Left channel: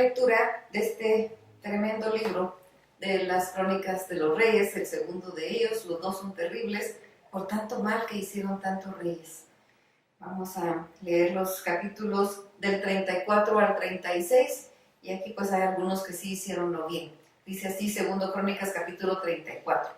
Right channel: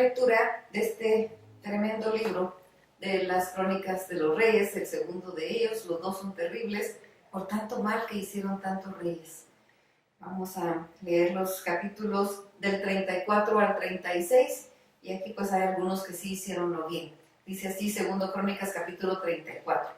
lectura de este tremendo libro de las Crónicas de los Reyes, el segundo de ellos. Los dos son terribles por tanto mal que hicieron tantos reyes. Vamos a leer los capítulos del 34 al 36 y aquí pues hay algunos que sí hicieron lo bien. Dice así, segundo Crónicas capítulo 34.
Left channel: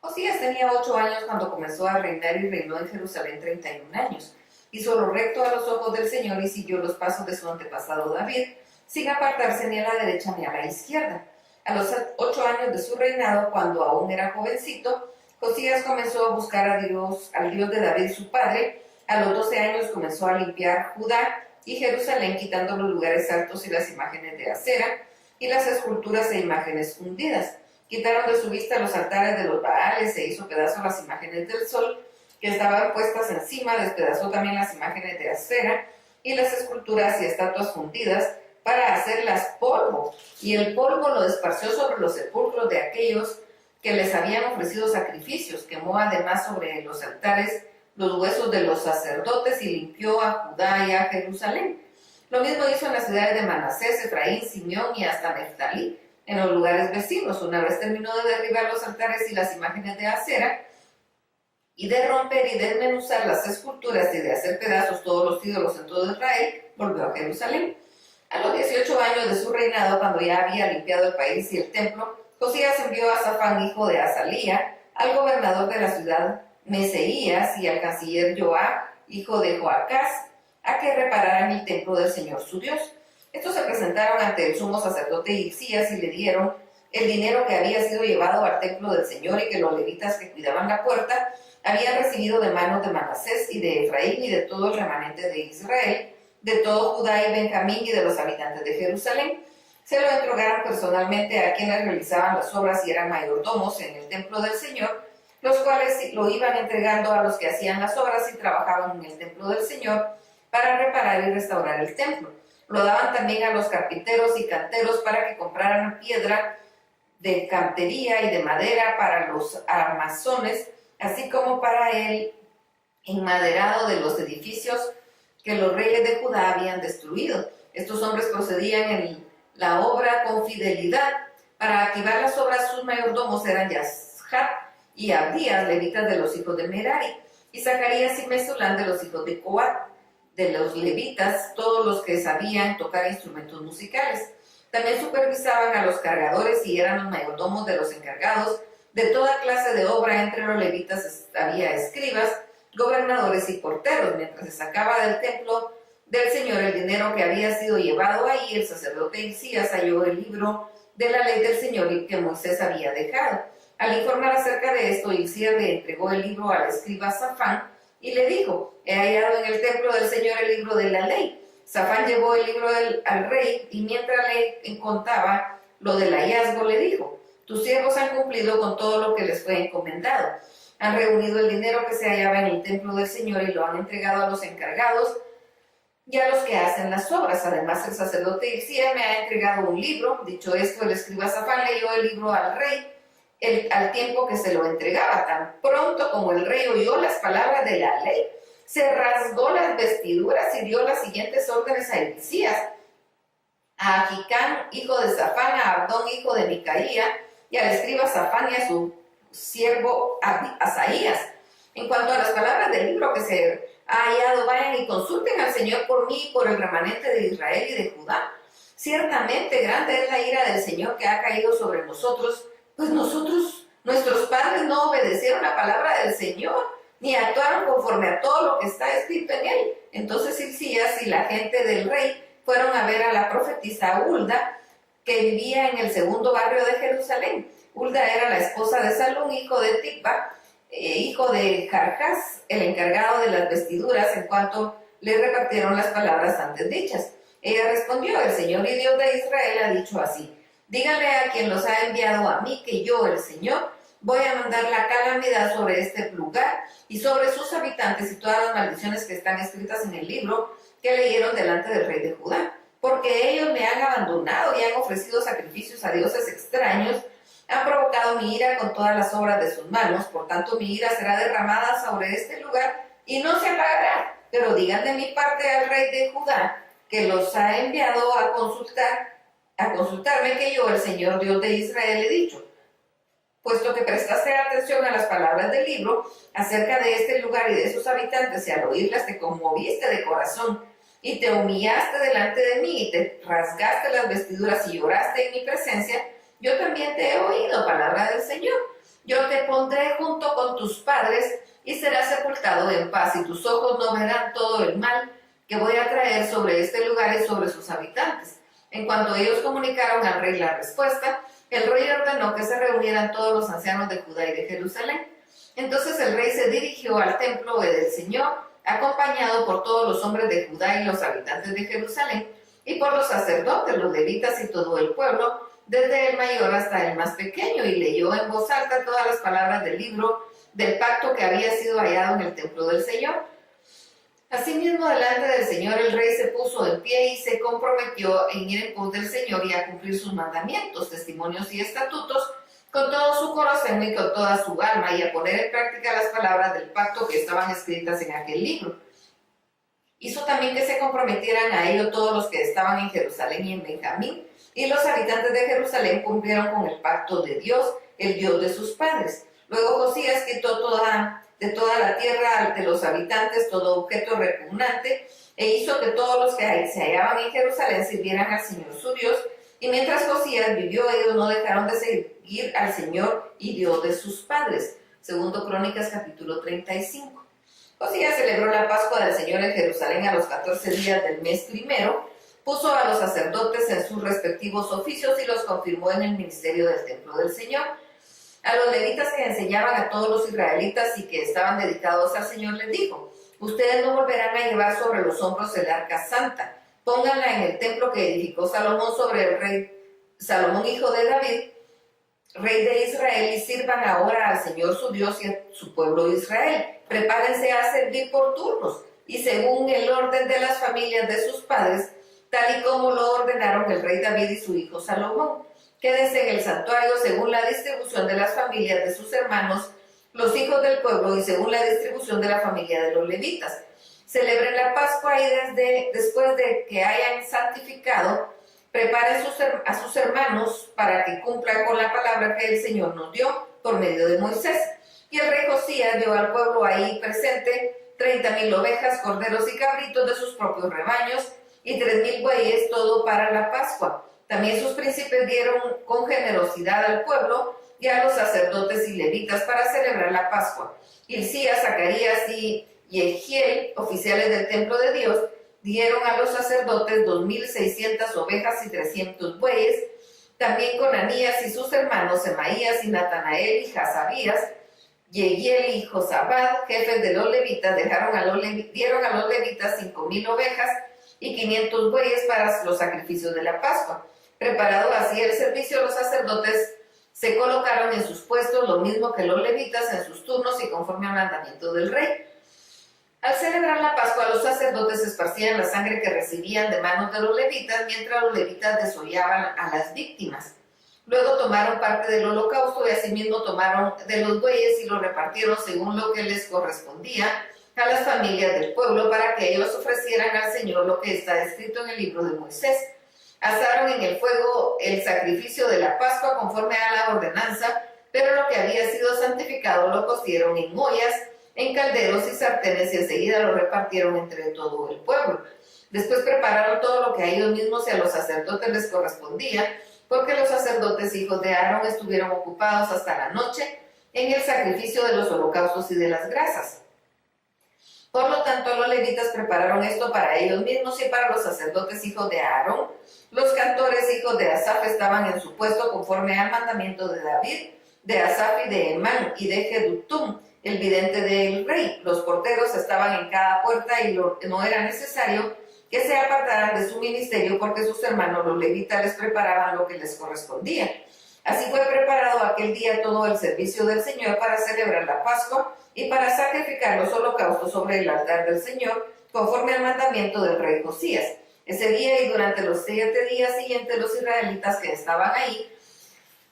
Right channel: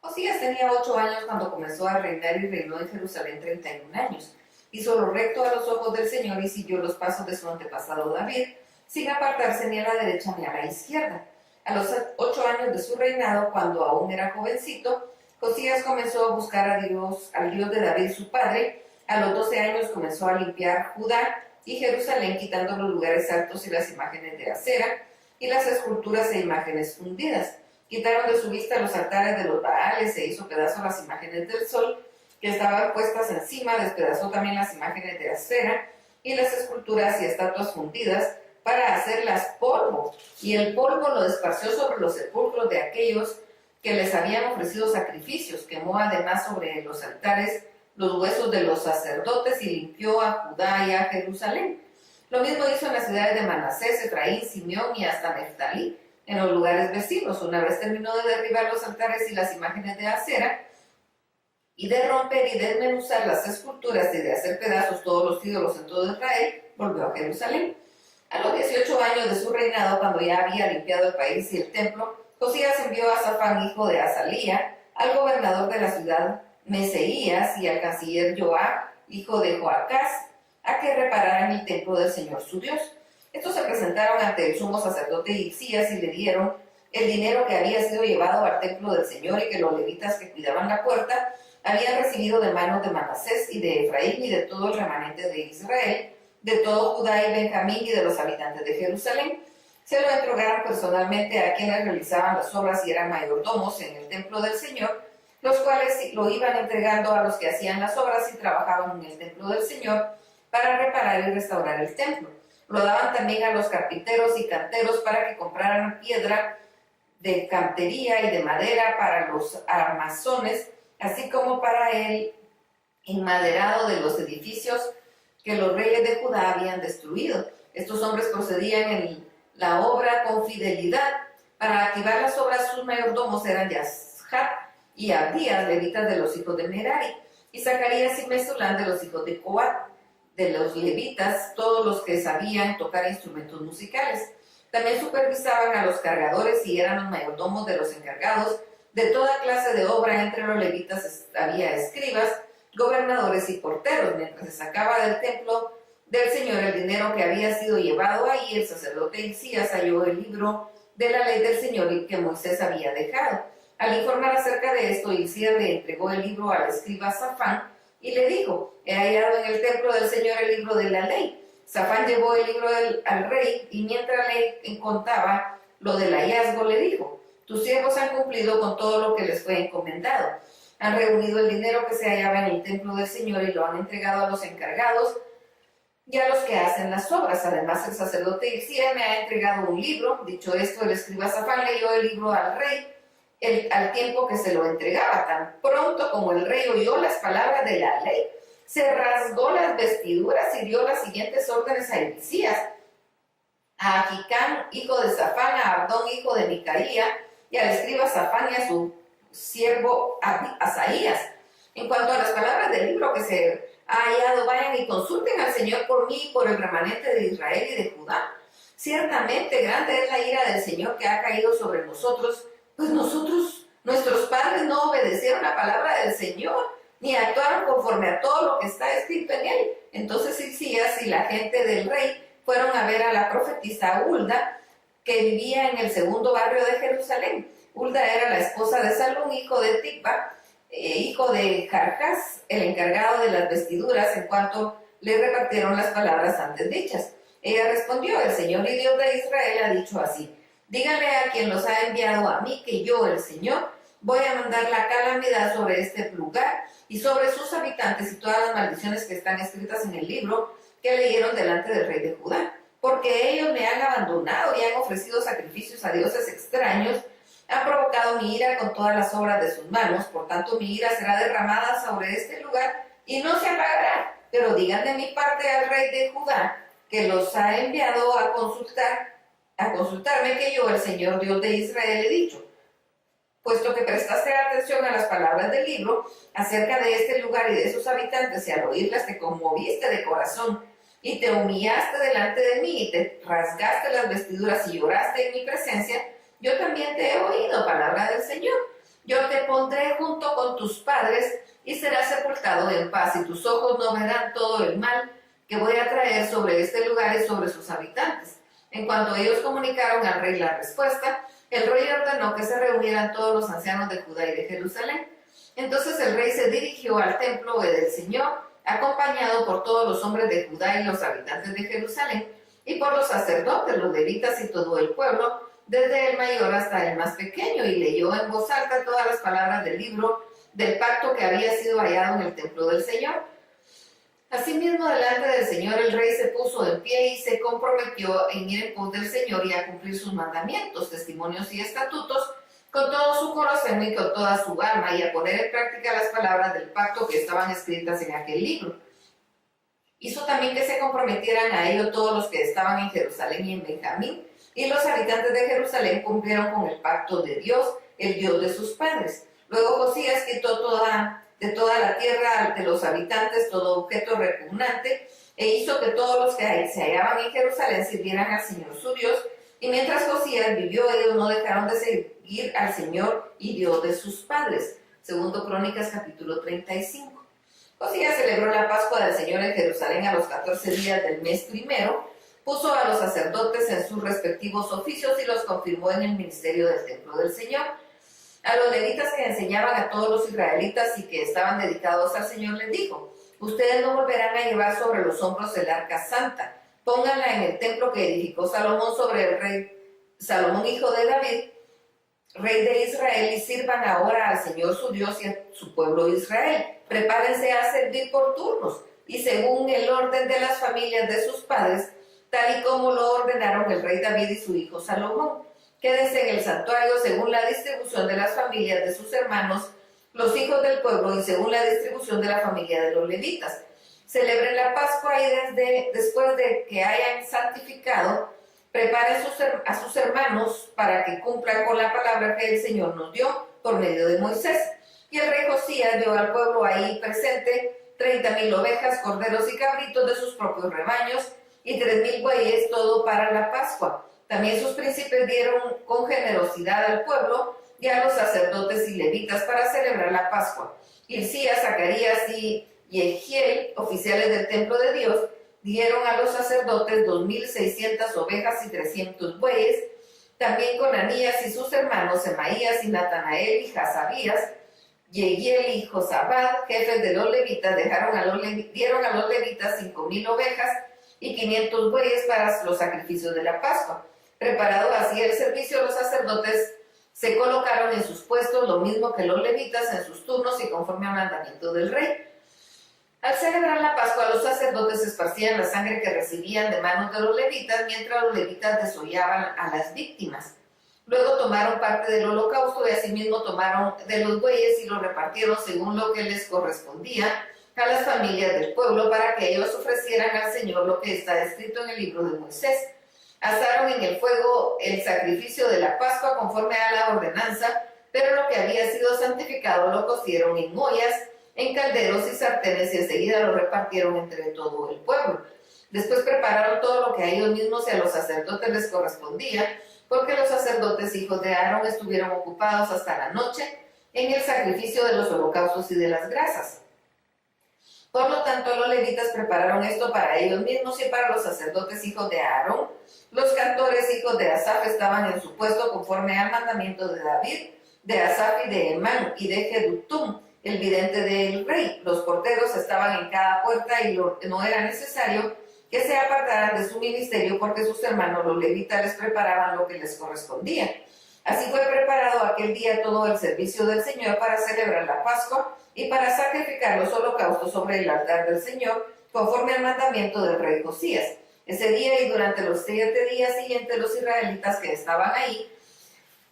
Josías tenía 8 años cuando comenzó a reinar y reinó en Jerusalén 31 años. Hizo lo recto a los ojos del Señor y siguió los pasos de su antepasado David, sin apartarse ni a la derecha ni a la izquierda. A los 8 años de su reinado, cuando aún era jovencito, Josías comenzó a buscar a Dios, al Dios de David su padre. A los 12 años comenzó a limpiar Judá y Jerusalén, quitando los lugares altos y las imágenes de acera y las esculturas e imágenes fundidas. Quitaron de su vista los altares de los Baales, se hizo pedazos las imágenes del sol que estaban puestas encima, despedazó también las imágenes de acera y las esculturas y estatuas fundidas para hacerlas polvo, y el polvo lo esparció sobre los sepulcros de aquellos que les habían ofrecido sacrificios. Quemó además sobre los altares los huesos de los sacerdotes y limpió a Judá y a Jerusalén. Lo mismo hizo en las ciudades de Manasés, Efraín, Simeón y hasta Neftalí, en los lugares vecinos. Una vez terminó de derribar los altares y las imágenes de acera, y de romper y desmenuzar las esculturas y de hacer pedazos todos los ídolos en todo Israel, volvió a Jerusalén. A los 18 años de su reinado, cuando ya había limpiado el país y el templo, Josías envió a Safán, hijo de Azalía, al gobernador de la ciudad Meseías, y al canciller Joab, hijo de Joacás, a que repararan el templo del Señor su Dios. Estos se presentaron ante el sumo sacerdote Hilcías y le dieron el dinero que había sido llevado al templo del Señor y que los levitas que cuidaban la puerta habían recibido de manos de Manasés y de Efraín y de todo el remanente de Israel, de todo Judá y Benjamín y de los habitantes de Jerusalén. Se lo entregaron personalmente a quienes realizaban las obras y eran mayordomos en el templo del Señor, los cuales lo iban entregando a los que hacían las obras y trabajaban en el templo del Señor para reparar y restaurar el templo. Lo daban también a los carpinteros y canteros para que compraran piedra de cantería y de madera para los armazones, así como para el enmaderado de los edificios que los reyes de Judá habían destruido. Estos hombres procedían en la obra con fidelidad. Para activar las obras, sus mayordomos eran Yashat y Abdías, levitas de los hijos de Merari, y Zacarías y Mesulán de los hijos de Coat. De los levitas, todos los que sabían tocar instrumentos musicales. También supervisaban a los cargadores y eran los mayordomos de los encargados de toda clase de obra. Entre los levitas había escribas, gobernadores y porteros. Mientras se sacaba del templo del Señor el dinero que había sido llevado ahí, el sacerdote Hilcías halló el libro de la ley del Señor y que Moisés había dejado. Al informar acerca de esto, Hilcías le entregó el libro al escriba Safán y le dijo: he hallado en el templo del Señor el libro de la ley. Safán llevó el libro al rey y mientras le contaba lo del hallazgo le dijo: tus siervos han cumplido con todo lo que les fue encomendado. Han reunido el dinero que se hallaba en el templo del Señor y lo han entregado a los encargados y a los que hacen las obras. Además, el sacerdote Hilcías me ha entregado un libro. Dicho esto, el escriba Safán leyó el libro al rey al tiempo que se lo entregaba. Tan pronto como el rey oyó las palabras de la ley, se rasgó las vestiduras y dio las siguientes órdenes a Hilcías, a Ahicam, hijo de Safán, a Abdón, hijo de Micaía, y al escriba Safán y a su siervo Asaías. En cuanto a las palabras del libro que se ha hallado, vayan y consulten al Señor por mí y por el remanente de Israel y de Judá. Ciertamente grande es la ira del Señor que ha caído sobre nosotros, pues nuestros padres no obedecieron la palabra del Señor, ni actuaron conforme a todo lo que está escrito en él. Entonces Hilcías y la gente del rey fueron a ver a la profetisa Hulda, que vivía en el segundo barrio de Jerusalén. Hulda era la esposa de Salún, hijo de Tikva, hijo de Jarjás, el encargado de las vestiduras, en cuanto le repartieron las palabras antes dichas. Ella respondió: el Señor y Dios de Israel ha dicho así: díganle a quien los ha enviado a mí que yo, el Señor, voy a mandar la calamidad sobre este lugar y sobre sus habitantes y todas las maldiciones que están escritas en el libro que leyeron delante del rey de Judá, porque ellos me han abandonado y han ofrecido sacrificios a dioses extraños, han provocado mi ira con todas las obras de sus manos. Por tanto, mi ira será derramada sobre este lugar y no se apagará. Pero digan de mi parte al rey de Judá, que los ha enviado a consultar, a consultarme que yo, el Señor Dios de Israel, he dicho. Puesto que prestaste atención a las palabras del libro acerca de este lugar y de sus habitantes, y al oírlas te conmoviste de corazón, y te humillaste delante de mí, y te rasgaste las vestiduras y lloraste en mi presencia, yo también te he oído, palabra del Señor. Yo te pondré junto con tus padres, y serás sepultado en paz, y tus ojos no verán todo el mal que voy a traer sobre este lugar y sobre sus habitantes. En cuanto ellos comunicaron al rey la respuesta, el rey ordenó que se reunieran todos los ancianos de Judá y de Jerusalén. Entonces el rey se dirigió al templo del Señor, acompañado por todos los hombres de Judá y los habitantes de Jerusalén, y por los sacerdotes, los levitas y todo el pueblo, desde el mayor hasta el más pequeño, y leyó en voz alta todas las palabras del libro del pacto que había sido hallado en el templo del Señor. Asimismo, delante del Señor, el rey se puso en pie y se comprometió en ir en pos del Señor y a cumplir sus mandamientos, testimonios y estatutos con todo su corazón y con toda su alma, y a poner en práctica las palabras del pacto que estaban escritas en aquel libro. Hizo también que se comprometieran a ello todos los que estaban en Jerusalén y en Benjamín, y los habitantes de Jerusalén cumplieron con el pacto de Dios, el Dios de sus padres. Luego Josías quitó de toda la tierra de los habitantes todo objeto repugnante, e hizo que todos los que se hallaban en Jerusalén sirvieran al Señor su Dios, y mientras Josías vivió, ellos no dejaron de seguir al Señor y Dios de sus padres. Segundo Crónicas capítulo 35. Josías celebró la Pascua del Señor en Jerusalén a los 14 días del mes primero, puso a los sacerdotes en sus respectivos oficios y los confirmó en el ministerio del templo del Señor. A los levitas que enseñaban a todos los israelitas y que estaban dedicados al Señor les dijo: ustedes no volverán a llevar sobre los hombros el arca santa, pónganla en el templo que edificó Salomón sobre el rey Salomón, hijo de David, rey de Israel, y sirvan ahora al Señor su Dios y a su pueblo Israel. Prepárense a servir por turnos, y según el orden de las familias de sus padres, tal y como lo ordenaron el rey David y su hijo Salomón. Quédense en el santuario según la distribución de las familias de sus hermanos, los hijos del pueblo, y según la distribución de la familia de los levitas. Celebren la Pascua y después de que hayan santificado, preparen a sus hermanos para que cumplan con la palabra que el Señor nos dio por medio de Moisés. Y el rey Josías dio al pueblo ahí presente 30,000 ovejas, corderos y cabritos de sus propios rebaños, y 3,000 bueyes, todo para la Pascua. También sus príncipes dieron con generosidad al pueblo y a los sacerdotes y levitas para celebrar la Pascua. Hilcías, Zacarías y Jehiel, oficiales del templo de Dios, dieron a los sacerdotes 2,600 ovejas y 300 bueyes. También Conanías y sus hermanos Semaías y Natanael y Hasabías, Yehiel y Josabad, jefes de los levitas, dieron a los levitas 5,000 ovejas y 500 bueyes para los sacrificios de la Pascua. Preparado así el servicio, los sacerdotes se colocaron en sus puestos, lo mismo que los levitas en sus turnos y conforme al mandamiento del rey. Al celebrar la Pascua, los sacerdotes esparcían la sangre que recibían de manos de los levitas, mientras los levitas desollaban a las víctimas. Luego tomaron parte del holocausto y asimismo tomaron de los bueyes y lo repartieron según lo que les correspondía a las familias del pueblo, para que ellos ofrecieran al Señor lo que está escrito en el libro de Moisés. Asaron en el fuego el sacrificio de la Pascua conforme a la ordenanza, pero lo que había sido santificado lo cocieron en ollas, en calderos y sartenes, y enseguida lo repartieron entre todo el pueblo. Después prepararon todo lo que a ellos mismos y a los sacerdotes les correspondía, porque los sacerdotes hijos de Aarón estuvieron ocupados hasta la noche en el sacrificio de los holocaustos y de las grasas. Por lo tanto, los levitas prepararon esto para ellos mismos y para los sacerdotes hijos de Aarón. Los cantores hijos de Asaf estaban en su puesto conforme al mandamiento de David, de Asaf y de Emán y de Jedutum, el vidente del rey. Los porteros estaban en cada puerta y no era necesario que se apartaran de su ministerio, porque sus hermanos los levitas les preparaban lo que les correspondía. Así fue preparado aquel día todo el servicio del Señor para celebrar la Pascua y para sacrificar los holocaustos sobre el altar del Señor, conforme al mandamiento del rey Josías. Ese día y durante los 7 días siguientes, los israelitas que estaban ahí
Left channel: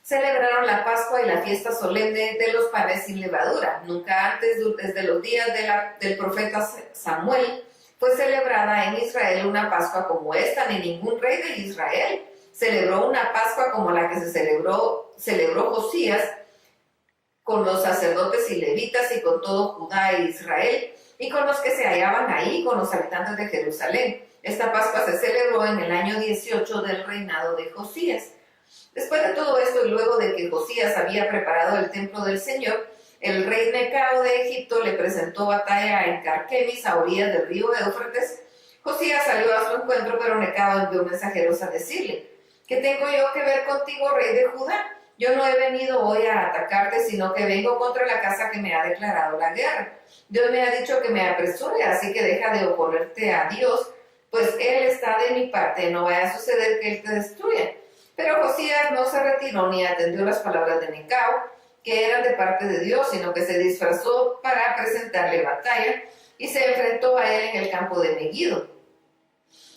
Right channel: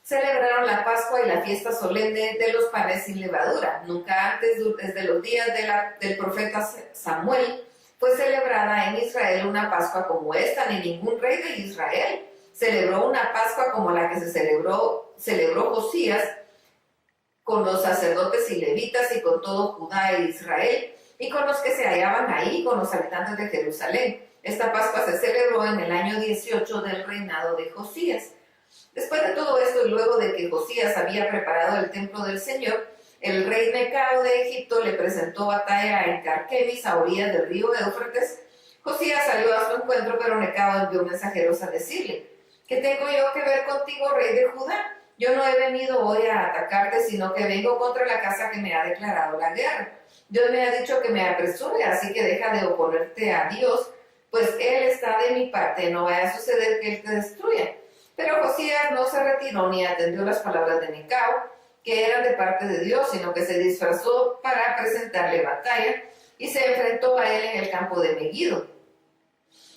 celebraron la Pascua y la fiesta solemne de los panes sin levadura. Nunca antes, desde los días del profeta Samuel, fue celebrada en Israel una Pascua como esta, ni ningún rey de Israel celebró una Pascua como la que celebró Josías, con los sacerdotes y levitas y con todo Judá e Israel, y con los que se hallaban ahí, con los habitantes de Jerusalén. Esta Pascua se celebró en el año 18 del reinado de Josías. Después de todo esto, y luego de que Josías había preparado el templo del Señor, el rey Necao de Egipto le presentó batalla en Carquemis, a orillas del río Éufrates. Josías salió a su encuentro, pero Necao envió mensajeros a decirle: ¿qué tengo yo que ver contigo, rey de Judá? Yo no he venido hoy a atacarte, sino que vengo contra la casa que me ha declarado la guerra. Dios me ha dicho que me apresure, así que deja de oponerte a Dios, pues Él está de mi parte, no vaya a suceder que Él te destruya. Pero Josías no se retiró ni atendió las palabras de Necao, que eran de parte de Dios, sino que se disfrazó para presentarle batalla y se enfrentó a él en el campo de Megiddo.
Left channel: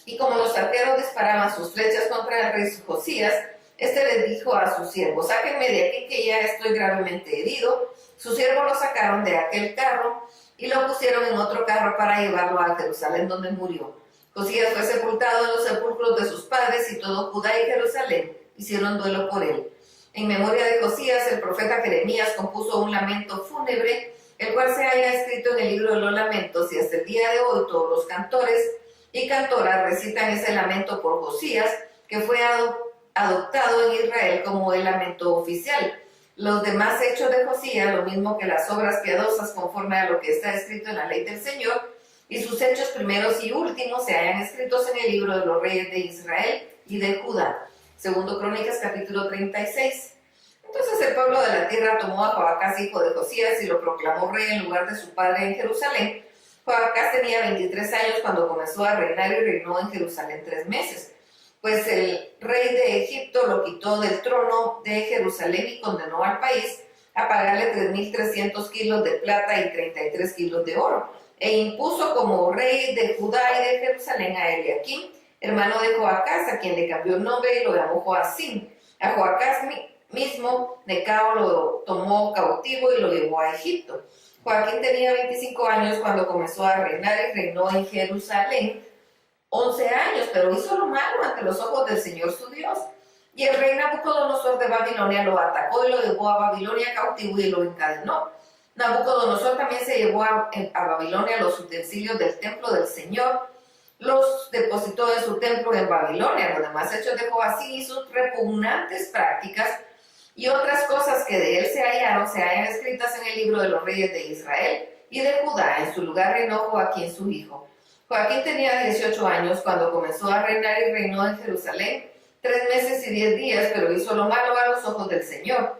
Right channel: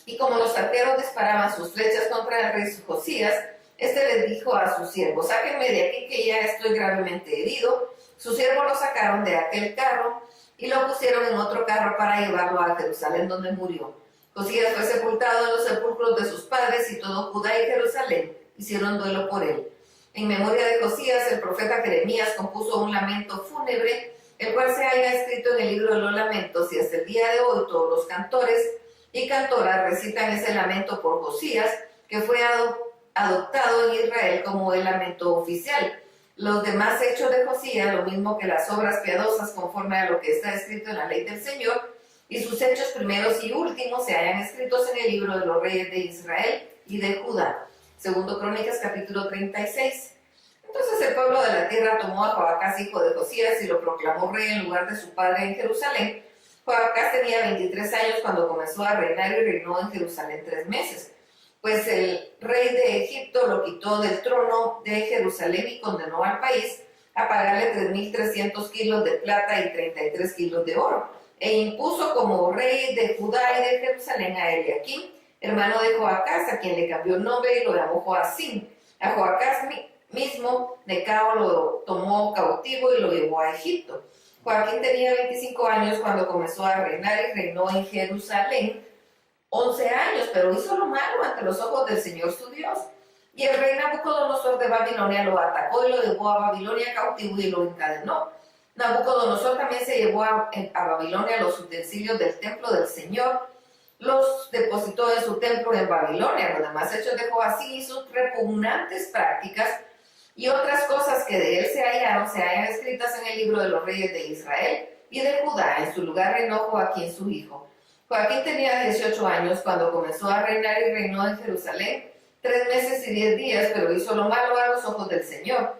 Y como los arqueros disparaban sus flechas contra el rey Josías, este les dijo a su siervo: sáquenme de aquí, que ya estoy gravemente herido. Sus siervos lo sacaron de aquel carro y lo pusieron en otro carro para llevarlo a Jerusalén, donde murió. Josías fue sepultado en los sepulcros de sus padres, y todo Judá y Jerusalén hicieron duelo por él. En memoria de Josías, el profeta Jeremías compuso un lamento fúnebre, el cual se halla escrito en el libro de los lamentos, y hasta el día de hoy todos los cantores y cantoras recitan ese lamento por Josías, que fue adoptado en Israel como el lamento oficial. Los demás hechos de Josías, lo mismo que las obras piadosas conforme a lo que está escrito en la ley del Señor, y sus hechos primeros y últimos se hallan escritos en el libro de los reyes de Israel y de Judá. Segundo Crónicas, capítulo 36. Entonces el pueblo de la tierra tomó a Joacás, hijo de Josías, y lo proclamó rey en lugar de su padre en Jerusalén. Joacás tenía 23 años cuando comenzó a reinar, y reinó en Jerusalén 3 meses. Pues el rey de Egipto lo quitó del trono de Jerusalén y condenó al país a pagarle 3.300 kilos de plata y 33 kilos de oro, e impuso como rey de Judá y de Jerusalén a Eliaquim, hermano de Joacás, a quien le cambió el nombre y lo llamó Joacim. A Joacás mismo Necao lo tomó cautivo y lo llevó a Egipto. Joaquín tenía 25 años cuando comenzó a reinar, y reinó en Jerusalén 11 años, pero hizo lo malo ante los ojos del Señor su Dios. Y el rey Nabucodonosor de Babilonia lo atacó y lo llevó a Babilonia cautivo y lo encadenó. Nabucodonosor también se llevó a Babilonia los utensilios del templo del Señor, los depositó en su templo en Babilonia. Los demás hechos de Joacim y sus repugnantes prácticas y otras cosas que de él se hallan escritas en el libro de los reyes de Israel y de Judá. En su lugar reinó Joaquín su hijo. Joaquín tenía 18 años cuando comenzó a reinar, y reinó en Jerusalén 3 meses y 10 días, pero hizo lo malo a los ojos del Señor.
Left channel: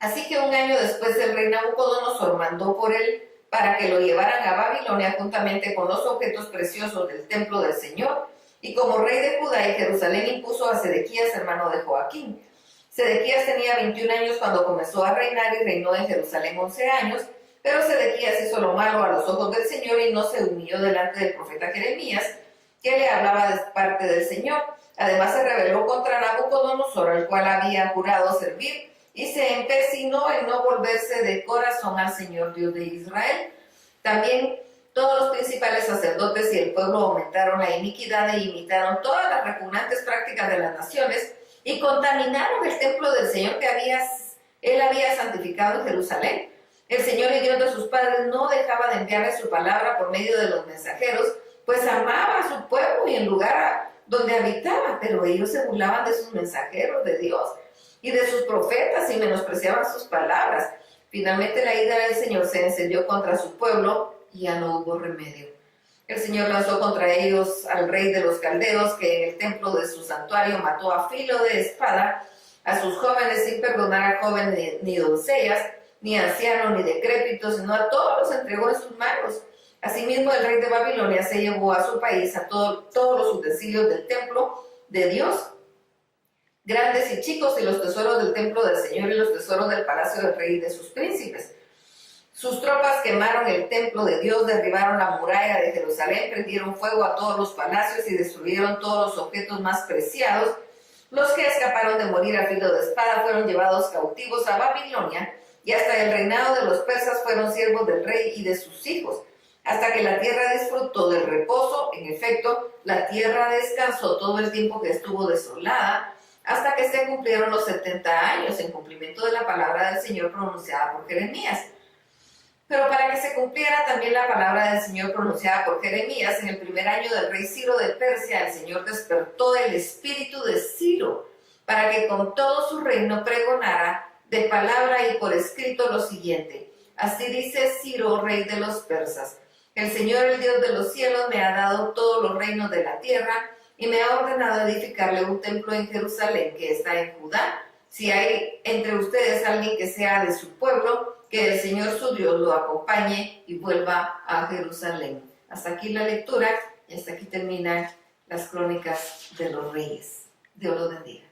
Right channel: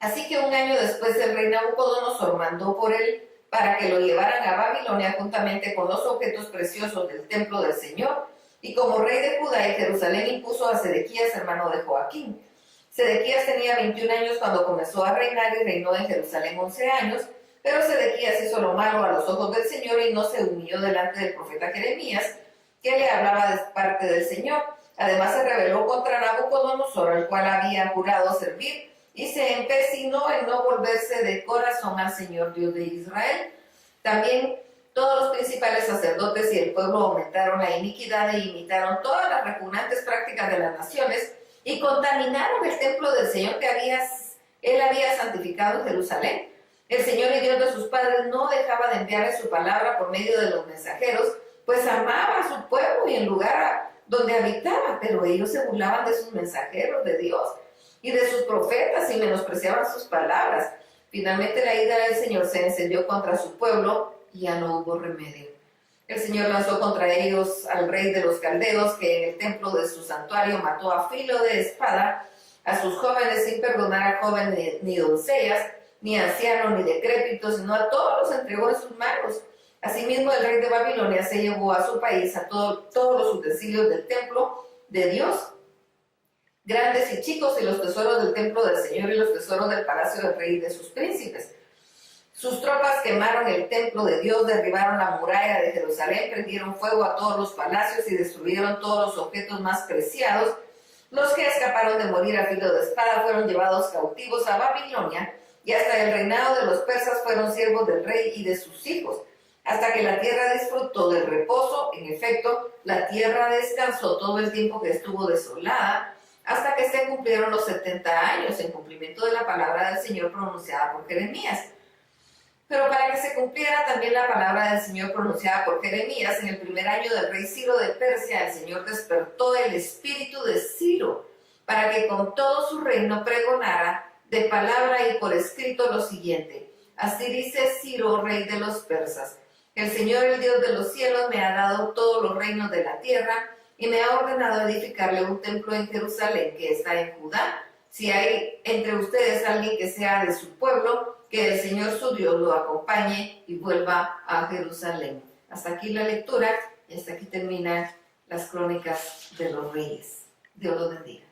Así que un año después el rey Nabucodonosor mandó por él para que lo llevaran a Babilonia juntamente con los objetos preciosos del templo del Señor, y como rey de Judá y Jerusalén impuso a Sedequías, hermano de Joaquín. Sedequías tenía 21 años cuando comenzó a reinar, y reinó en Jerusalén 11 años, pero Sedequías hizo lo malo a los ojos del Señor y no se humilló delante del profeta Jeremías, que le hablaba de parte del Señor. Además se rebeló contra Nabucodonosor, al cual había jurado servir, y se empecinó en no volverse de corazón al Señor Dios de Israel. También todos los principales sacerdotes y el pueblo aumentaron la iniquidad e imitaron todas las repugnantes prácticas de las naciones, y contaminaron el templo del Señor que él había santificado en Jerusalén. El Señor y Dios de sus padres no dejaba de enviarle su palabra por medio de los mensajeros, pues amaba a su pueblo y el lugar donde habitaba, pero ellos se burlaban de sus mensajeros de Dios y de sus profetas y menospreciaban sus palabras. Finalmente la ira del Señor se encendió contra su pueblo y ya no hubo remedio. El Señor lanzó contra ellos al rey de los caldeos, que en el templo de su santuario mató a filo de espada a sus jóvenes, sin perdonar a jóvenes ni doncellas, ni ancianos, ni decrépitos, sino a todos los entregó en sus manos. Asimismo, el rey de Babilonia se llevó a su país a todos los utensilios del templo de Dios, grandes y chicos, y los tesoros del templo del Señor y los tesoros del palacio del rey y de sus príncipes. Sus tropas quemaron el templo de Dios, derribaron la muralla de Jerusalén, prendieron fuego a todos los palacios y destruyeron todos los objetos más preciados. Los que escaparon de morir a filo de espada fueron llevados cautivos a Babilonia, y hasta el reinado de los persas fueron siervos del rey y de sus hijos. hasta que la tierra disfrutó del reposo. En efecto, la tierra descansó todo el tiempo que estuvo desolada, hasta que se cumplieron los 70 años en cumplimiento de la palabra del Señor pronunciada por Jeremías. Pero para que se cumpliera también la palabra del Señor pronunciada por Jeremías, en el primer año del rey Ciro de Persia, el Señor despertó el espíritu de Ciro, para que con todo su reino pregonara de palabra y por escrito lo siguiente: así dice Ciro, rey de los persas: el Señor, el Dios de los cielos, me ha dado todos los reinos de la tierra y me ha ordenado edificarle un templo en Jerusalén, que está en Judá. Si hay entre ustedes alguien que sea de su pueblo, que el Señor su Dios lo acompañe y vuelva a Jerusalén. Hasta aquí la lectura y hasta aquí terminan las crónicas de los reyes. Dios los bendiga.